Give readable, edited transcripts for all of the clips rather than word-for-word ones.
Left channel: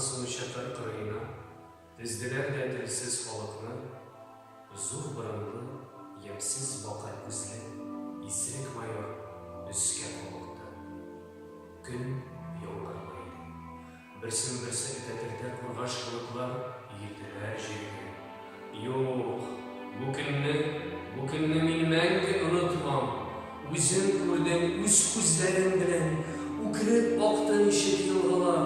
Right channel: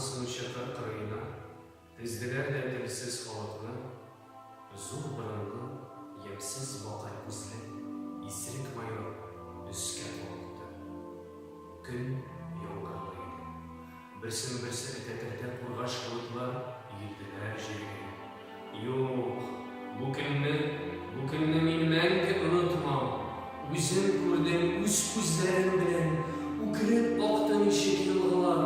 суынча кыркырыйна, тиздилер де тилсиз халыкны, зур бырынлы, емсиз бакай күзле, исерек майор үскә болукты. Күн яңгырлы иде. Берсен-берсе этәтертә кургаш кылыклар иелделәр җиргә. Юк, бу көнне мин мәңге онытмам. Үзем күрдем үз күзләрем белән, үкереп акты ничек елгалар.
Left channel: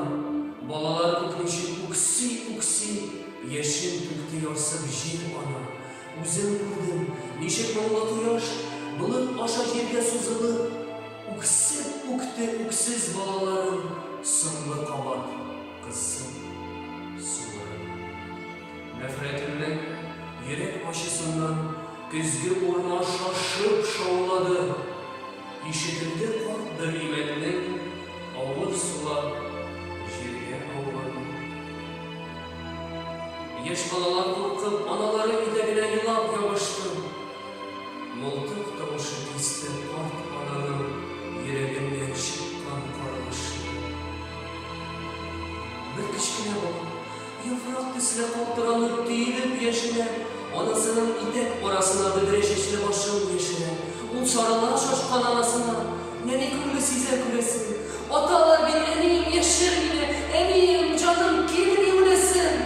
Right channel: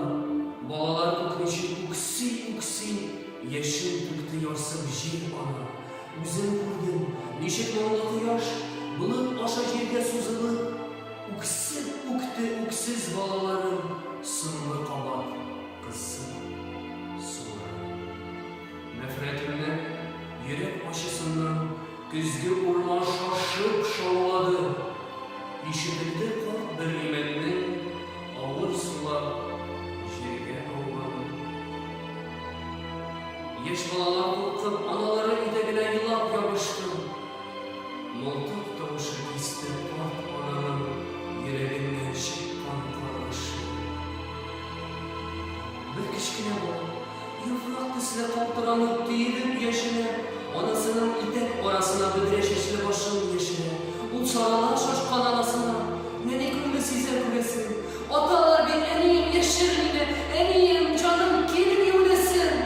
Балалар күкничек үкси, яшен түкте ярсып җир ана. Үзем күрдем, ничек моңлы кояш болыт аша җиргә сузылып, үксеп үкте үксез балаларын, соңгы кабат кызсын суырып. Нәфрәтемнән, йөрәк ачысыннан көзге урман шашып шаулады. Ишетелде карт бер имәннең авыр сулап җиргә ауганы. Яшь балалар куркып, аналары итәгенә елап ябышты. Мылтык тавышы кисте карт ананың йөрәгеннән чыккан каргышы. Бер кечкенә бала, яфрак төсле калтыранып төелеп яшенә, анасының итәк арасына бөдрә чәчле башын яшерә. Ул сарыла шашкан анасына, нәни күңле сизә күрәсен. Аталар бит, әнием яшер мине, әнием, җаным, килми үләсен.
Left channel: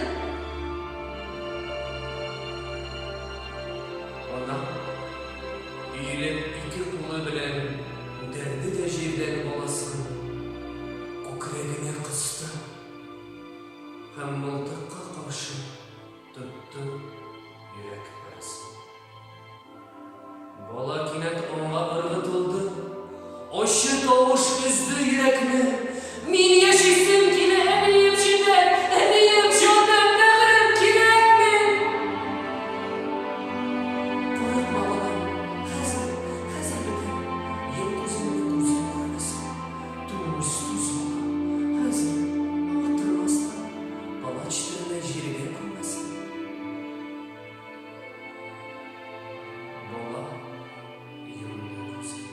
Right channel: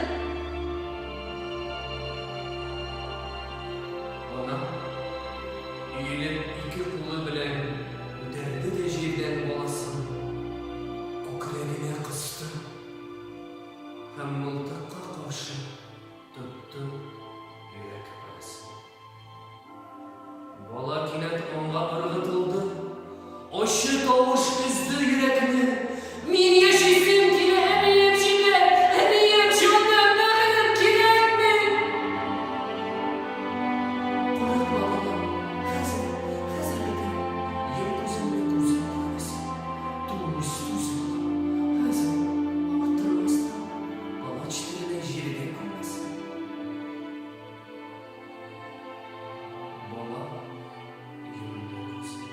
Ана, иелеп ике кулы белән күтәрде дә җирдән баласын, күкрәгенә кысты һәм мылтыкка каршы тотты йөрәк парасын. Бала кинәт аңа ыргытылды, ачы тавыш өзде йөрәкне. Мин яшисем килә, әнием җитәр, әнием, җаным, бәгърем кирәкме? Курыкма, балам, хәзер бетә. Йом күзеңне, күзең күрмәсен. Түз, балам, хәзер авырттырмастан, палач төбенә җиргә күрмәсен. Бала йомды күзен.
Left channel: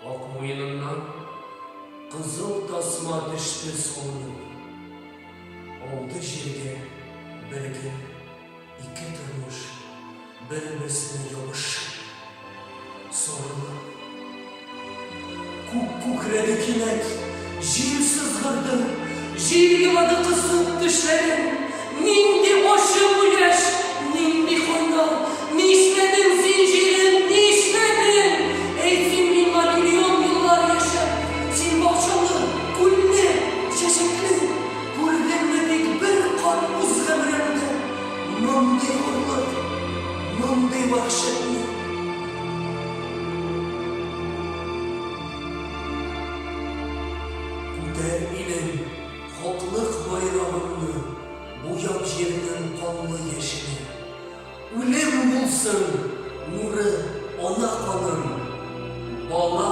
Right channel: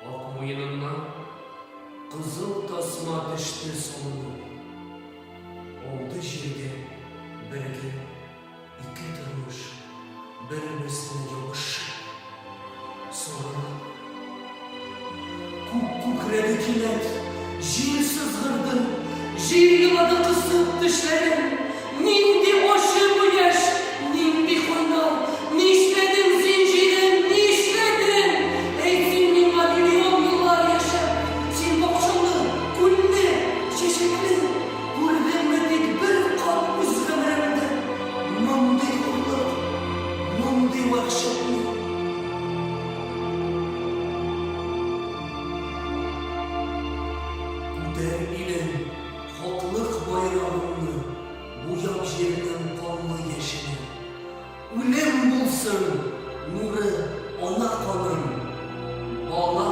Ак муеныннан кызыл тасма төште солынып. Ауды җиргә бергә ике тормыш, бер-берсенә ябышып, сарылып. Күкрәде кинәт, җир сызгырды, җир елады кысып тешләрен. Нинди ачы бу яшь, нинди кайнар, нишләдем зинҗирем, нишләдем? Әйтсен миңа миллион еллар яшәп, син бакчалы, күлле, чәчәкле, күрдеңме тик бер кат үз гомеремдә мондый хурлык, мондый вәхшәтне? Күтәр илем, хаклык байрагымны, буяп җирнең канлы яшенә. Үлем булсын, нуры, ана каным, бала